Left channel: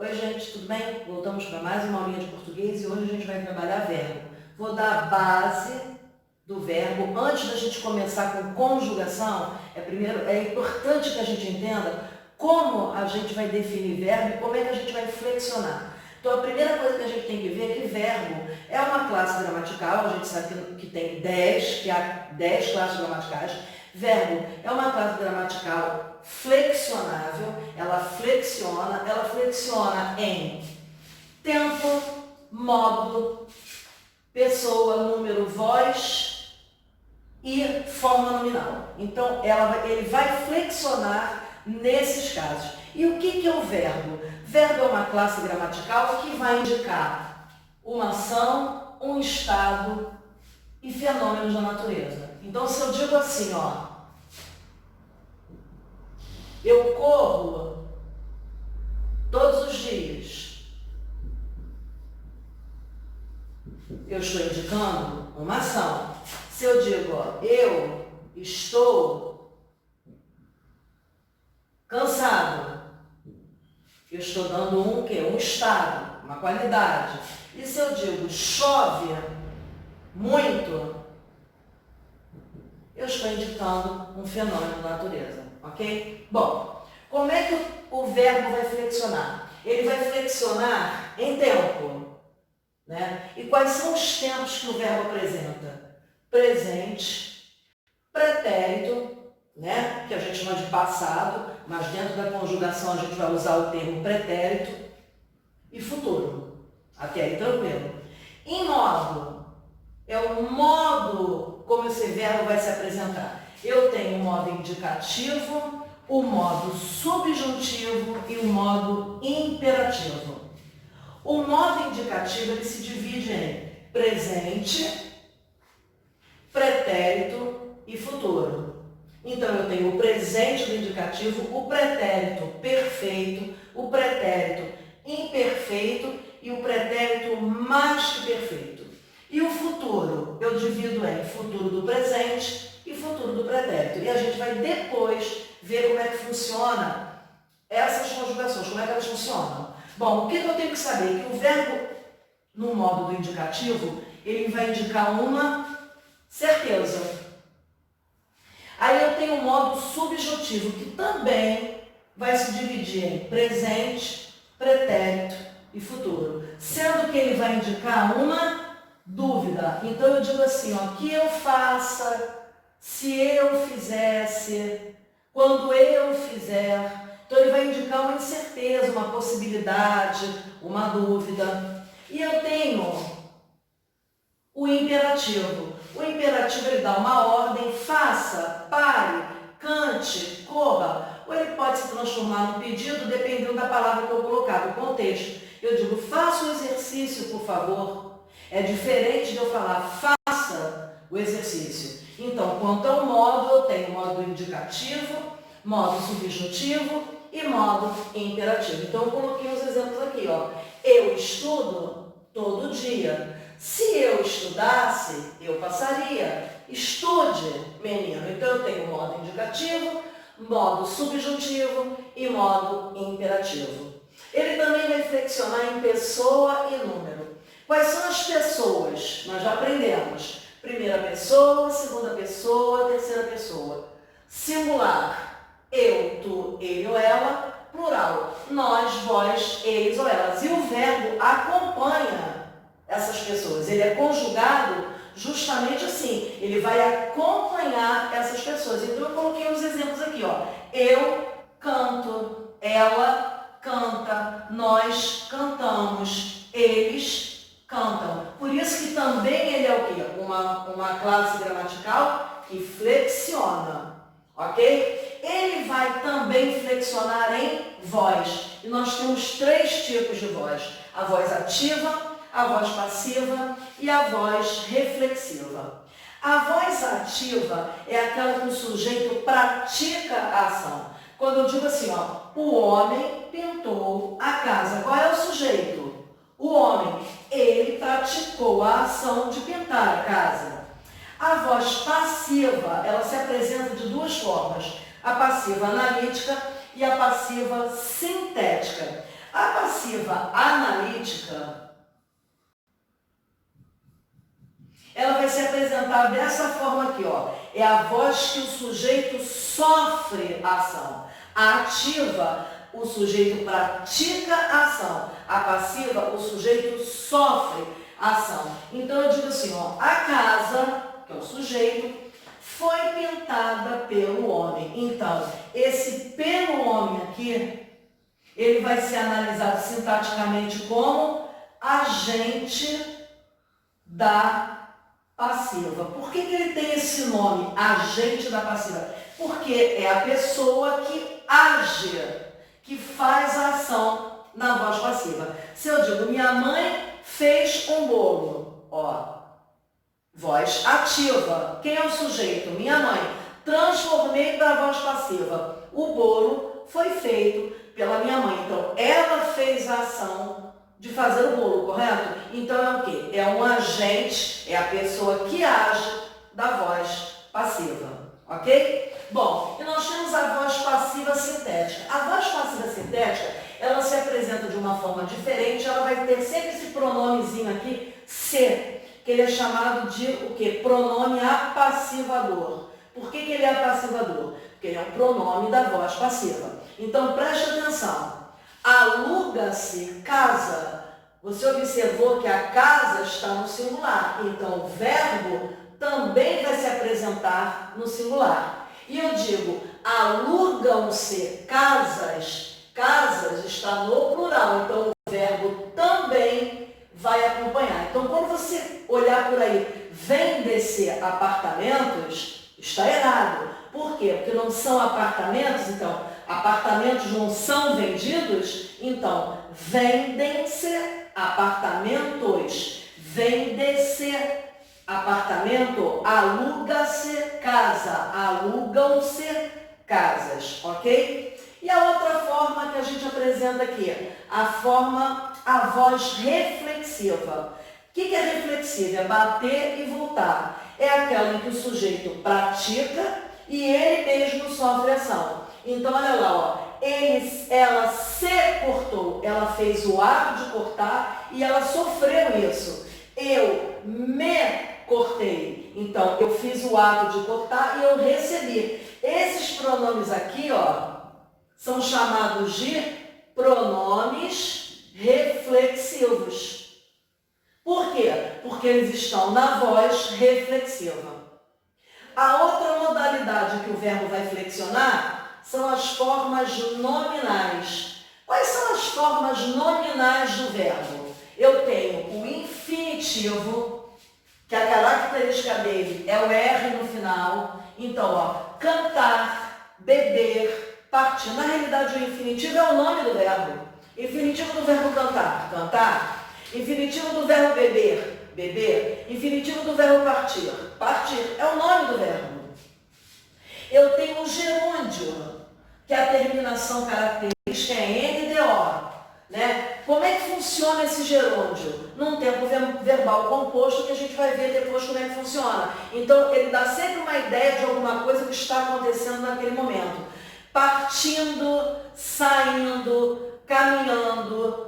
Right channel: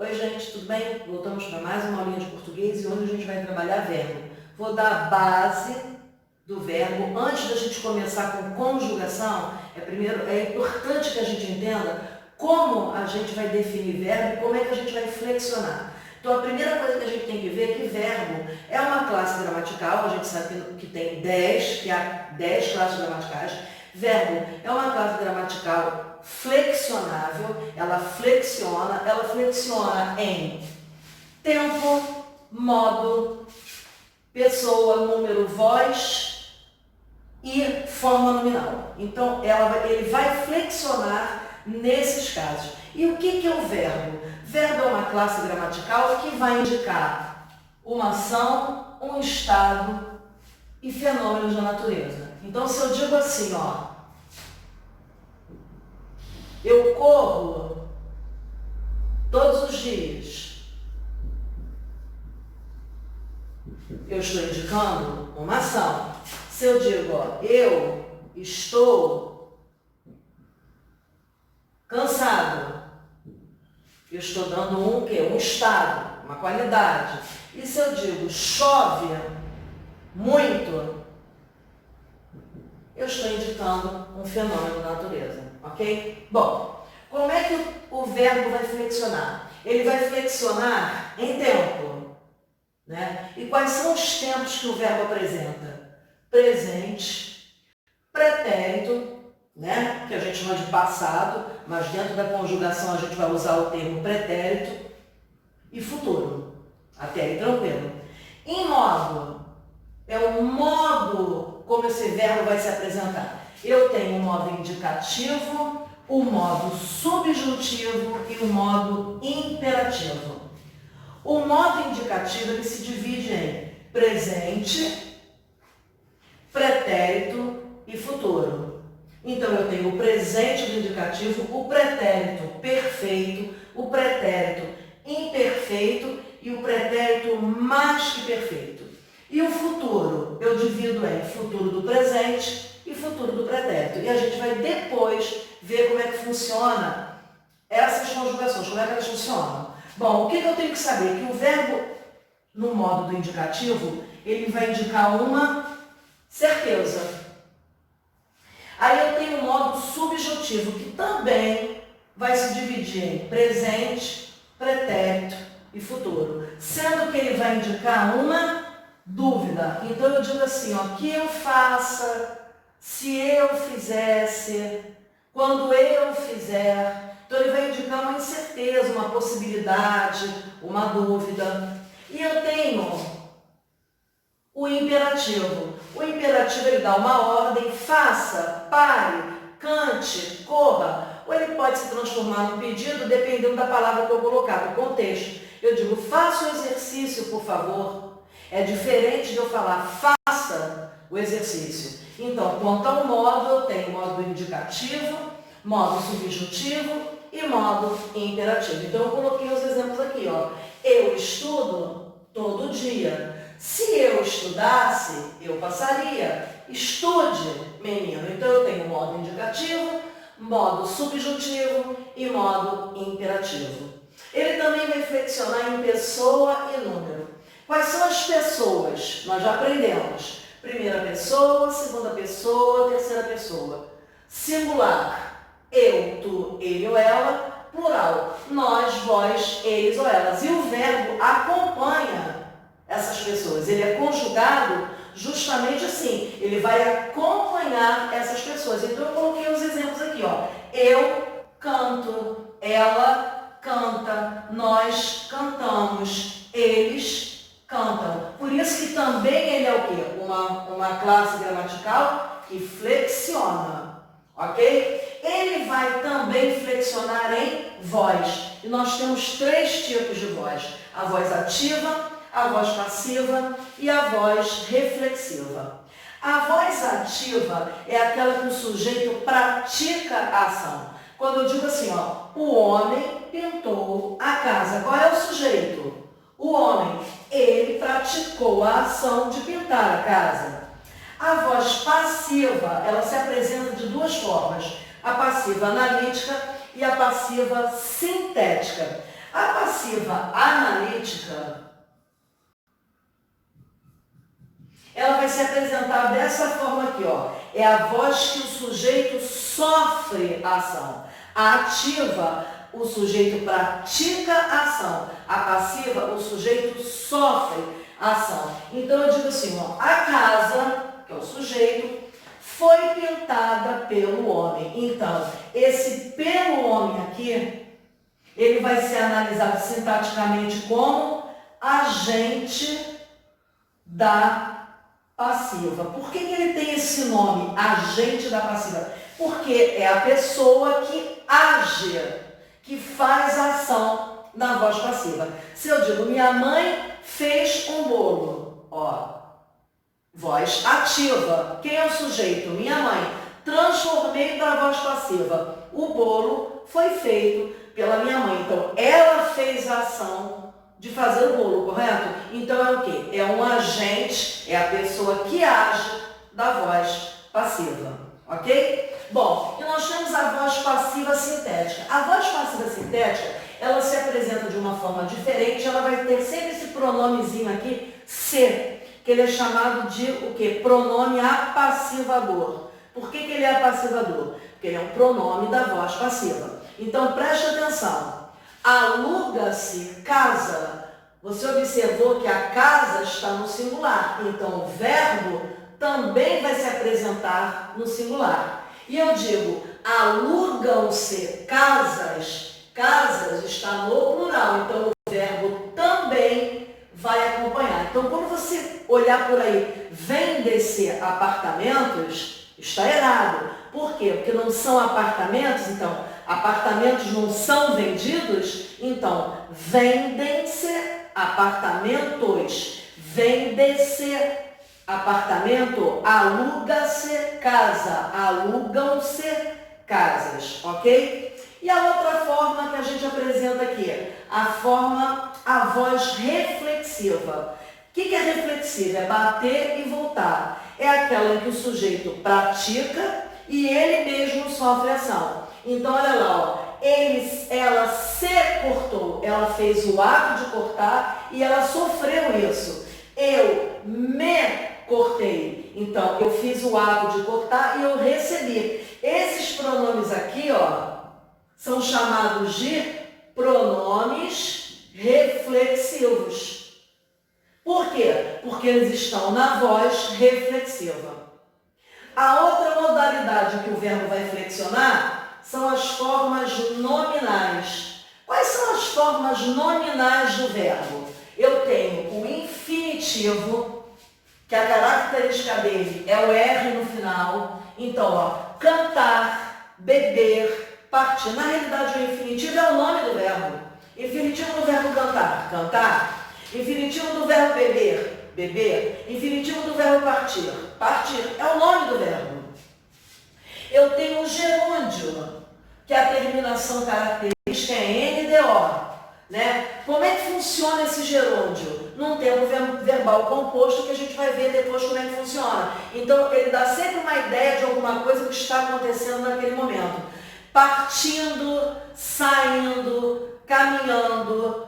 Oi, gente, tudo bem? Voltamos para mais uma aulinha de português e hoje a gente vai trabalhar verbo. Vou dar a base do verbo. Antes da gente começar com conjugação, é importante que a gente entenda como a gente vai definir verbo e como é que a gente vai flexionar. Então, a primeira coisa que a gente tem que ver é que verbo é uma classe gramatical. A gente sabe que tem 10, que há 10 classes gramaticais. Verbo é uma classe gramatical flexionável, ela flexiona em tempo, modo, pessoa, número, voz e forma nominal. Então, ele vai flexionar nesses casos. E o que é o verbo? Verbo é uma classe gramatical que vai indicar uma ação, um estado e fenômenos da natureza. Então, se eu digo assim, ó, eu corro todos os dias, eu estou indicando uma ação. Se eu digo, ó, eu estou cansado, eu estou dando um quê? Um estado, uma qualidade. E se eu digo chove muito, eu estou indicando um fenômeno da natureza, ok? Bom, como é que o verbo vai flexionar? Ele vai flexionar em tempo, né? E quais são os tempos que o verbo apresenta? Presente, pretérito, né? Que a gente chama de passado, mas dentro da conjugação a gente vai usar o termo pretérito, e futuro. Até aí tranquilo. Em modo, é o modo como esse verbo vai se apresentar. Eu tenho o modo indicativo, o modo subjuntivo e o modo imperativo. O modo indicativo ele se divide em presente, pretérito e futuro. Então eu tenho o presente do indicativo, o pretérito perfeito, o pretérito imperfeito e o pretérito mais que perfeito. E o futuro, eu divido em futuro do presente e futuro do pretérito. E a gente vai depois ver como é que funciona essas conjugações, como é que elas funcionam. Bom, o que eu tenho que saber? Que o verbo, no modo do indicativo, ele vai indicar uma certeza. Aí eu tenho o modo subjuntivo, que também vai se dividir em presente, pretérito e futuro, sendo que ele vai indicar uma dúvida. Então eu digo assim, ó, que eu faça, se eu fizesse, quando eu fizer. Então ele vai indicar uma incerteza, uma possibilidade, uma dúvida. E eu tenho o imperativo. O imperativo ele dá uma ordem, faça, pare, cante, corra. Ou ele pode se transformar num pedido, dependendo da palavra que eu colocar, do contexto. Eu digo, faça o exercício, por favor. É diferente de eu falar, faça o exercício. Então, quanto ao modo, eu tenho modo indicativo, modo subjuntivo e modo imperativo. Então, eu coloquei os exemplos aqui, ó. Eu estudo todo dia. Se eu estudasse, eu passaria. Estude, menino. Então, eu tenho modo indicativo, modo subjuntivo e modo imperativo. Ele também vai flexionar em pessoa e número. Quais são as pessoas? Nós já aprendemos. Primeira pessoa, segunda pessoa, terceira pessoa. Singular, eu, tu, ele ou ela. Plural, nós, vós, eles ou elas. E o verbo acompanha essas pessoas. Ele é conjugado justamente assim. Ele vai acompanhar essas pessoas. Então eu coloquei os exemplos aqui, ó. Eu canto, ela canta, nós cantamos, eles cantam. Por isso que também ele é o quê? Uma classe gramatical que flexiona, ok? Ele vai também flexionar em voz. E nós temos 3 tipos de voz. A voz ativa, a voz passiva e a voz reflexiva. A voz ativa é aquela que o sujeito pratica a ação. Quando eu digo assim, ó, o homem pintou a casa. Qual é o sujeito? O homem. Ele praticou a ação de pintar a casa. A voz passiva, ela se apresenta de 2 formas. A passiva analítica e a passiva sintética. A passiva analítica, ela vai se apresentar dessa forma aqui, ó. É a voz que o sujeito sofre a ação. A ativa, o sujeito pratica a ação. A passiva, o sujeito sofre a ação. Então eu digo assim, ó, a casa, que é o sujeito, foi pintada pelo homem. Então, esse pelo homem aqui, ele vai ser analisado sintaticamente como agente da passiva. Por que ele tem esse nome, agente da passiva? Porque é a pessoa que age, que faz a ação na voz passiva. Se eu digo, minha mãe fez um bolo, ó, voz ativa. Quem é o sujeito? Minha mãe. Transformei para a voz passiva. O bolo foi feito pela minha mãe. Então, ela fez a ação de fazer o bolo, correto? Então, é o quê? É um agente, é a pessoa que age da voz passiva, ok? Bom, e nós temos a voz passiva sintética. A voz passiva sintética, ela se apresenta de uma forma diferente, ela vai ter sempre esse pronomezinho aqui, se, que ele é chamado de o quê? Pronome apassivador. Por que ele é apassivador? Porque ele é um pronome da voz passiva. Então, preste atenção. Aluga-se casa. Você observou que a casa está no singular. Então, o verbo também vai se apresentar no singular. E eu digo, alugam-se casas. Casas está no plural. Então, o verbo também vai acompanhar. Então, quando você olhar por aí, vende-se apartamentos, está errado. Por quê? Porque não são apartamentos, então, apartamentos não são vendidos, então, vendem-se apartamentos. Vende-se apartamento, aluga-se casa, alugam-se casas, ok? E a outra forma que a gente apresenta aqui, a voz reflexiva. O que é reflexiva? É bater e voltar. É aquela em que o sujeito pratica e ele mesmo sofre ação. Então, olha lá, ó, ela se cortou, ela fez o ato de cortar e ela sofreu isso. Eu me cortei. Então, eu fiz o ato de cortar e eu recebi. Esses pronomes aqui, ó, são chamados de pronomes reflexivos. Por quê? Porque eles estão na voz reflexiva. A outra modalidade que o verbo vai flexionar são as formas nominais. Quais são as formas nominais do verbo? Eu tenho o infinitivo, que a característica dele é o R no final. Então, ó, cantar, beber, partir. Na realidade, o infinitivo é o nome do verbo. Infinitivo do verbo cantar, cantar. Infinitivo do verbo beber, beber. Infinitivo do verbo partir, partir. É o nome do verbo. Eu tenho o gerúndio, que é a terminação característica é NDO. Né? Como é que funciona esse gerúndio? Num tempo verbal composto, que a gente vai ver depois como é que funciona. Então, ele dá sempre uma ideia de alguma coisa que está acontecendo naquele momento. Partindo, saindo, caminhando,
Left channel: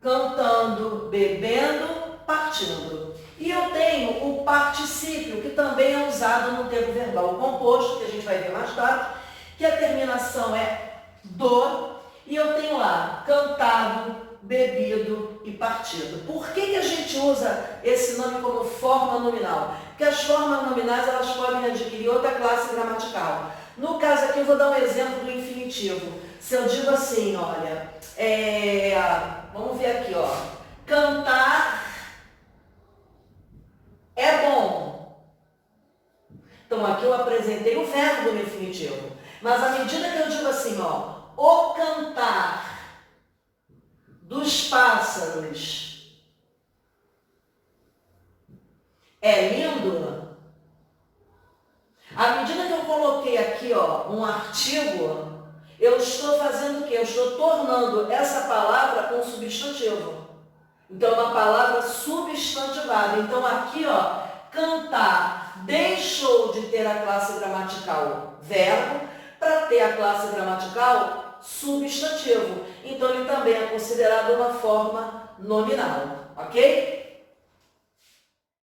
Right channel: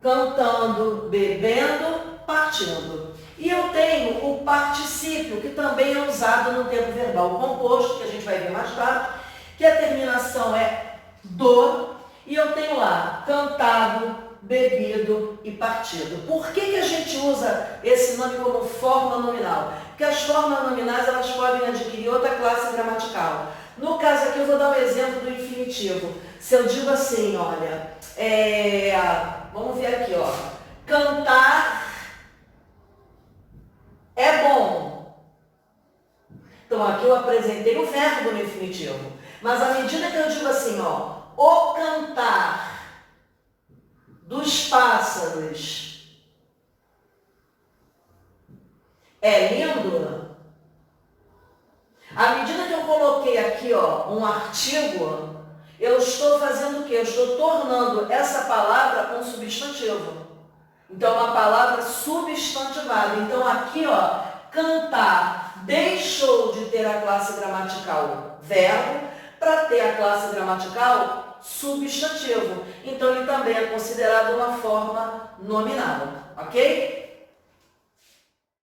cantando, bebendo, partindo. E eu tenho o particípio, que também é usado no tempo verbal composto, que a gente vai ver mais tarde, que a terminação é do, e eu tenho lá cantado, bebido e partido. Por que a gente usa esse nome como forma nominal? Porque as formas nominais elas podem adquirir outra classe gramatical. No caso aqui eu vou dar um exemplo do infinitivo. Se eu digo assim, olha, vamos ver aqui, ó, cantar é bom. Então aqui eu apresentei o verbo no infinitivo. Mas à medida que eu digo assim, ó, o cantar dos pássaros é lindo. À medida que eu coloquei aqui, ó, um artigo, eu estou fazendo o quê? Eu estou tornando essa palavra um substantivo. Então, uma palavra substantivada. Então, aqui, ó, cantar deixou de ter a classe gramatical verbo, para ter a classe gramatical substantivo. Então, ele também é considerado uma forma nominal, ok?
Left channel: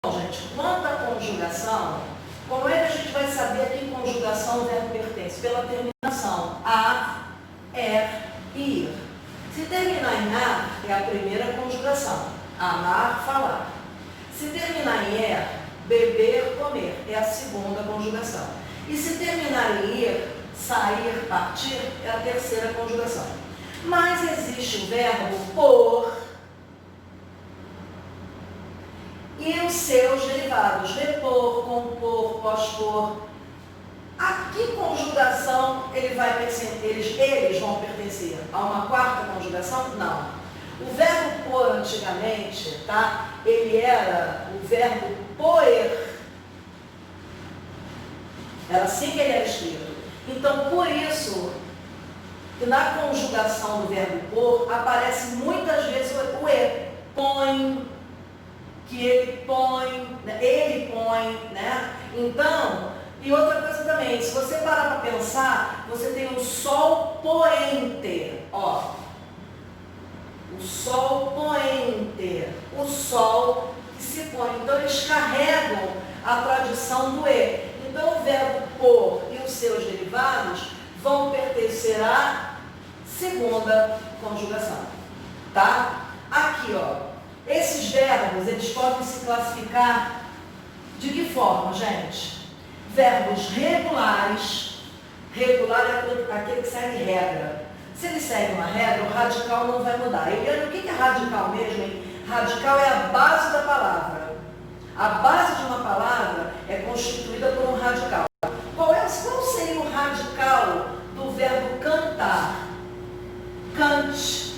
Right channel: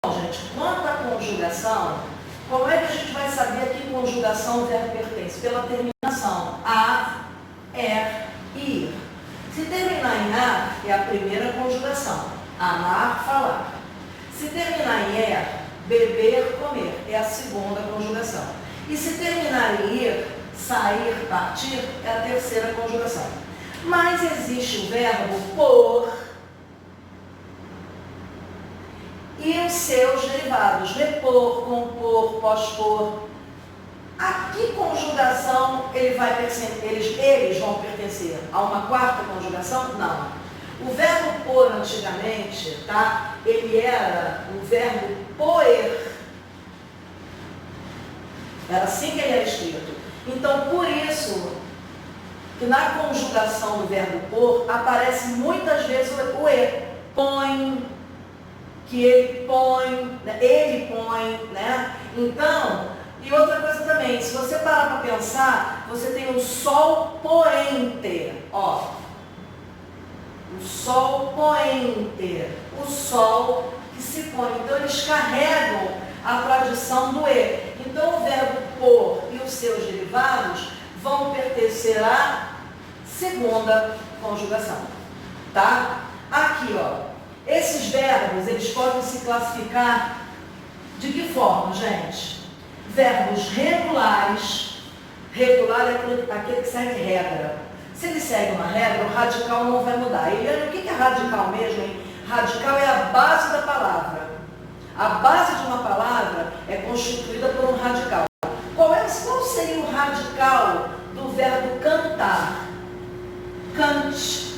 Bom, gente, quanto à conjugação, como é que a gente vai saber a que conjugação o verbo pertence? Pela terminação a, e, ir. Se terminar em a, é a primeira conjugação, amar, falar. Se terminar em beber, comer, é a segunda conjugação. E se terminar em ir, sair, partir, é a terceira conjugação. Mas existe o verbo por e os seus derivados, repor, compor, pospor. A que conjugação eles vão pertencer? A uma quarta conjugação? Não. O verbo por antigamente, tá? Ele era o verbo poer. Era assim que ele era escrito. Então, por isso, que na conjugação do verbo por, aparece muitas vezes o e. Põe, que ele põe, né? Então, e outra coisa também, se você parar para pensar, você tem o sol poente, ó. O sol poente, o sol que se põe. Então, eles carregam a tradição do e. Então, o verbo por e os seus derivados vão pertencer à segunda conjugação, tá? Aqui, ó, esses verbos, eles podem se classificar de que forma, gente? Verbos regulares, regular é aquele que segue regra. Se ele segue uma regra, o radical não vai mudar. Eliana, o que é radical mesmo, hein? Radical é a base da palavra. A base de uma palavra é constituída por um radical. Qual seria o radical do verbo cantar? Cante.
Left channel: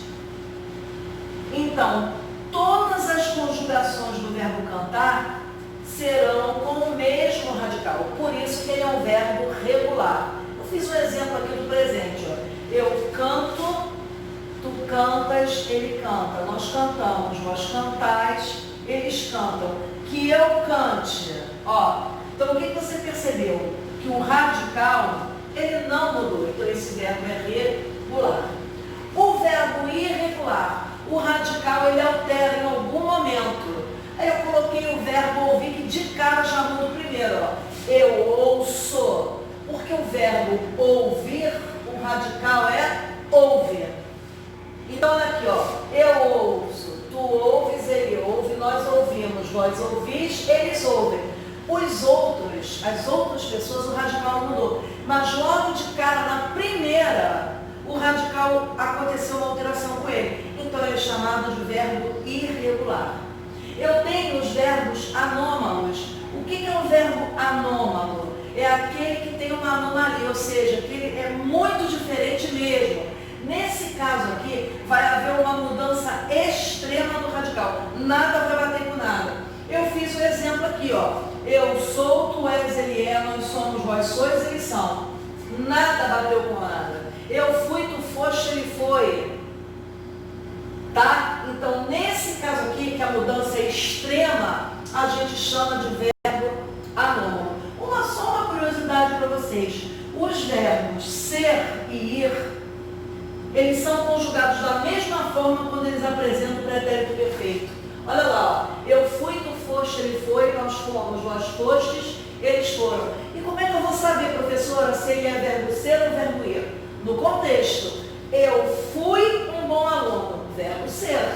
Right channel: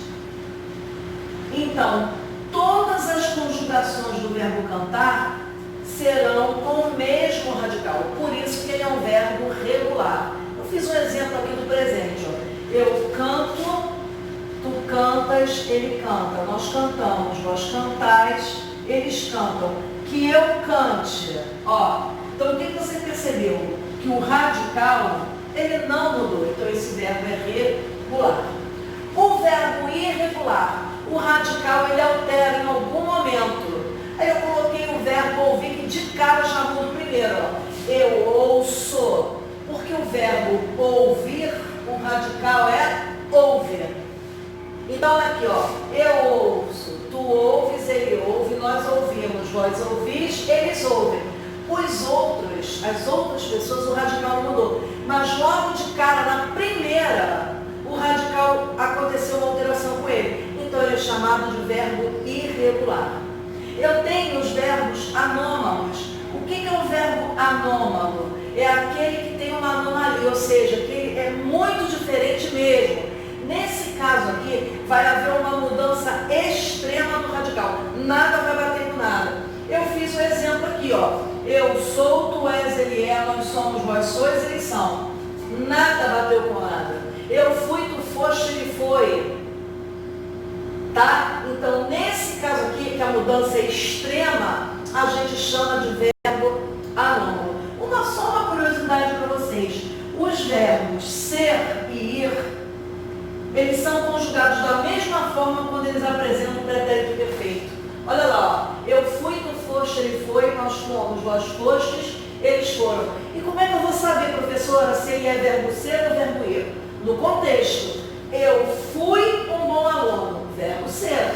Então, todas as conjugações do verbo cantar serão com o mesmo radical. Por isso que ele é um verbo regular. Eu fiz um exemplo aqui do presente. Ó. Eu canto, tu cantas, ele canta. Nós cantamos, vós cantais, eles cantam. Que eu cante. Ó, então, o que você percebeu? Que o radical, ele não mudou. Então, esse verbo é regular. O verbo irregular, o radical, ele altera em algum momento. Aí eu coloquei o verbo ouvir, que de cara já muda primeiro. Ó. Eu ouço. Porque o verbo ouvir, o radical é ouvir. Então, olha aqui, ó. Eu ouço, tu ouves, ele ouve, nós ouvimos, vós ouvis, eles ouvem. As outras pessoas, o radical não mudou. Mas logo de cara, na primeira, o radical aconteceu uma alteração com ele. Então, ele é chamado de verbo irregular. Eu tenho os verbos anômalos. O que é um verbo anômalo? É aquele que tem uma anomalia, ou seja, que ele é muito diferente mesmo. Nesse caso aqui, vai haver uma mudança extrema do radical. Nada vai bater com nada. Eu fiz o exemplo aqui, ó. Eu sou, tu és, ele é, nós somos, vós sois, eles são. Nada bateu com nada. Eu fui, tu foste, ele foi. Tá? Então, nesse caso aqui, que a mudança é extrema, a gente chama de verbo anômalo. Só uma curiosidade para vocês. Os verbos ser e ir, eles são conjugados da mesma forma quando eles apresentam o pretérito perfeito. Olha lá, ó. Eu fui, tu foste, ele foi, nós fomos, vós fostes, eles foram. E como é que eu vou saber, professora, se ele é verbo ser ou verbo ir? No contexto, eu fui um bom aluno, verbo ser.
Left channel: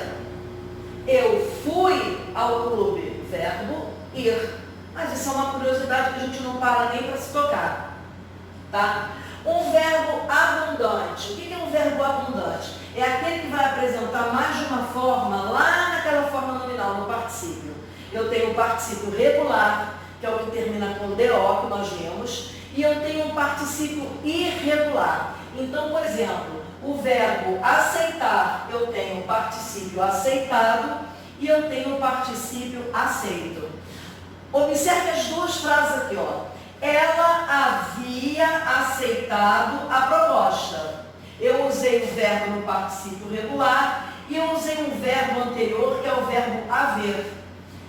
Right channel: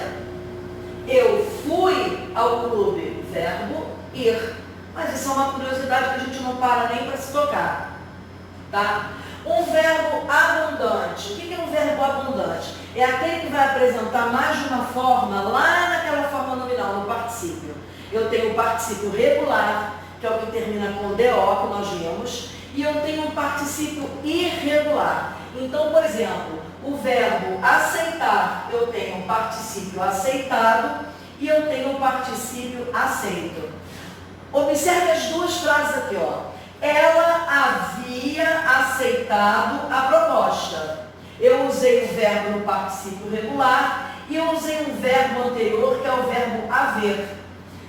Eu fui ao clube, verbo ir. Mas isso é uma curiosidade que a gente não para nem para se tocar. Tá? Um verbo abundante. O que é um verbo abundante? É aquele que vai apresentar mais de uma forma lá naquela forma nominal, no particípio. Eu tenho o particípio regular, que é o que termina com DO, que nós vimos, e eu tenho um particípio irregular. Então, por exemplo, o verbo aceitar, eu tenho um particípio aceitado e eu tenho um particípio aceito. Observe as duas frases aqui, ó. Ela havia aceitado a proposta. Eu usei o verbo no particípio regular e eu usei um verbo anterior, que é o verbo haver.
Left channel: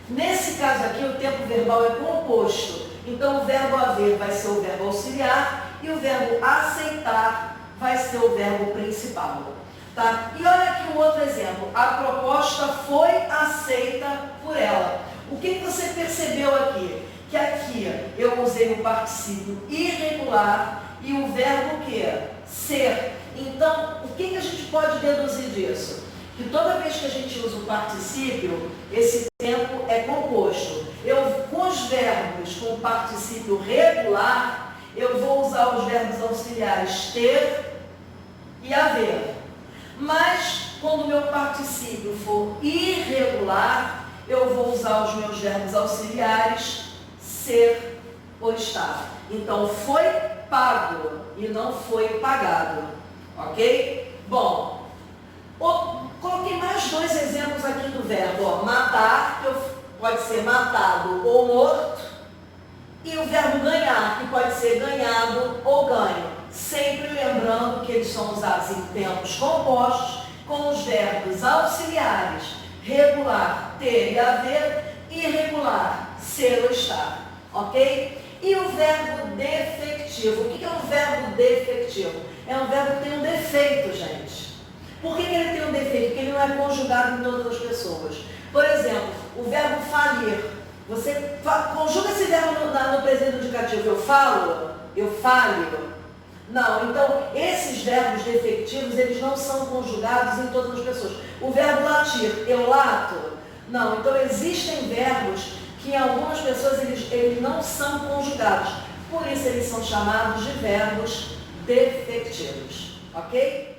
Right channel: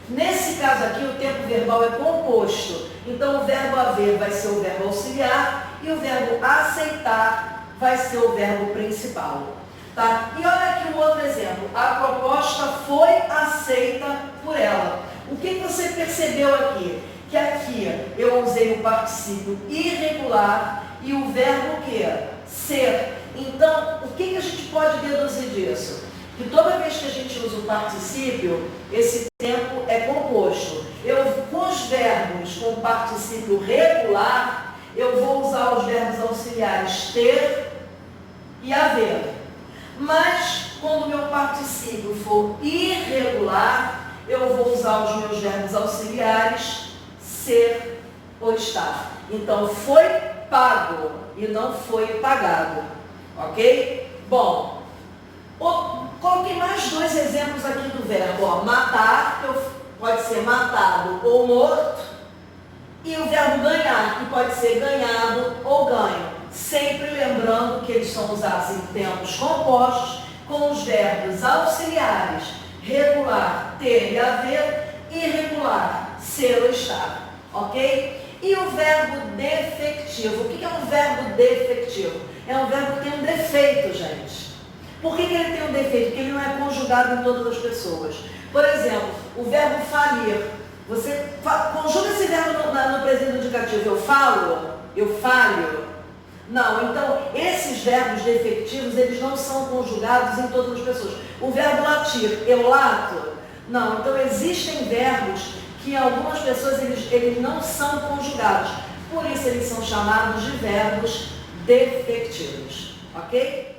Nesse caso aqui, o tempo verbal é composto. Então, o verbo haver vai ser o verbo auxiliar e o verbo aceitar vai ser o verbo principal. Tá? E olha aqui um outro exemplo. A proposta foi aceita por ela. O que você percebeu aqui? Que aqui eu usei o particípio irregular e o verbo o quê? Ser. Então, o que a gente pode deduzir disso? Que toda vez que a gente usa o particípio, esse tempo é composto. Com os verbos com particípio regular, eu vou usar os verbos auxiliares ter e haver. Mas, quando o meu particípio for irregular, eu vou usar os meus verbos auxiliares ser ou estar. Então, foi pago e não foi pagado. Ok? Bom, coloquei mais dois exemplos aqui do verbo. Ó, matar, que pode ser matado ou morto. E o verbo ganhar, que pode ser ganhado ou ganho. Sempre lembrando que eles são usados em tempos compostos com os verbos auxiliares regular, ter e haver, irregular, ser ou estar. Ok? E o verbo defectivo. O que é um verbo defectivo? É um verbo que tem um defeito, gente. Por que ele tem um defeito? Porque ele não é conjugado em todas as pessoas. Por exemplo, o verbo falir. Você conjuga esse verbo no presente indicativo. Eu falo, eu falho. Não, então esses verbos defectivos, eles não são conjugados em todas as pessoas. O verbo latir, eu lato. Não, então existem verbos que em algumas pessoas eles não são conjugados. Por isso eles são chamados de verbos defectivos. Ok?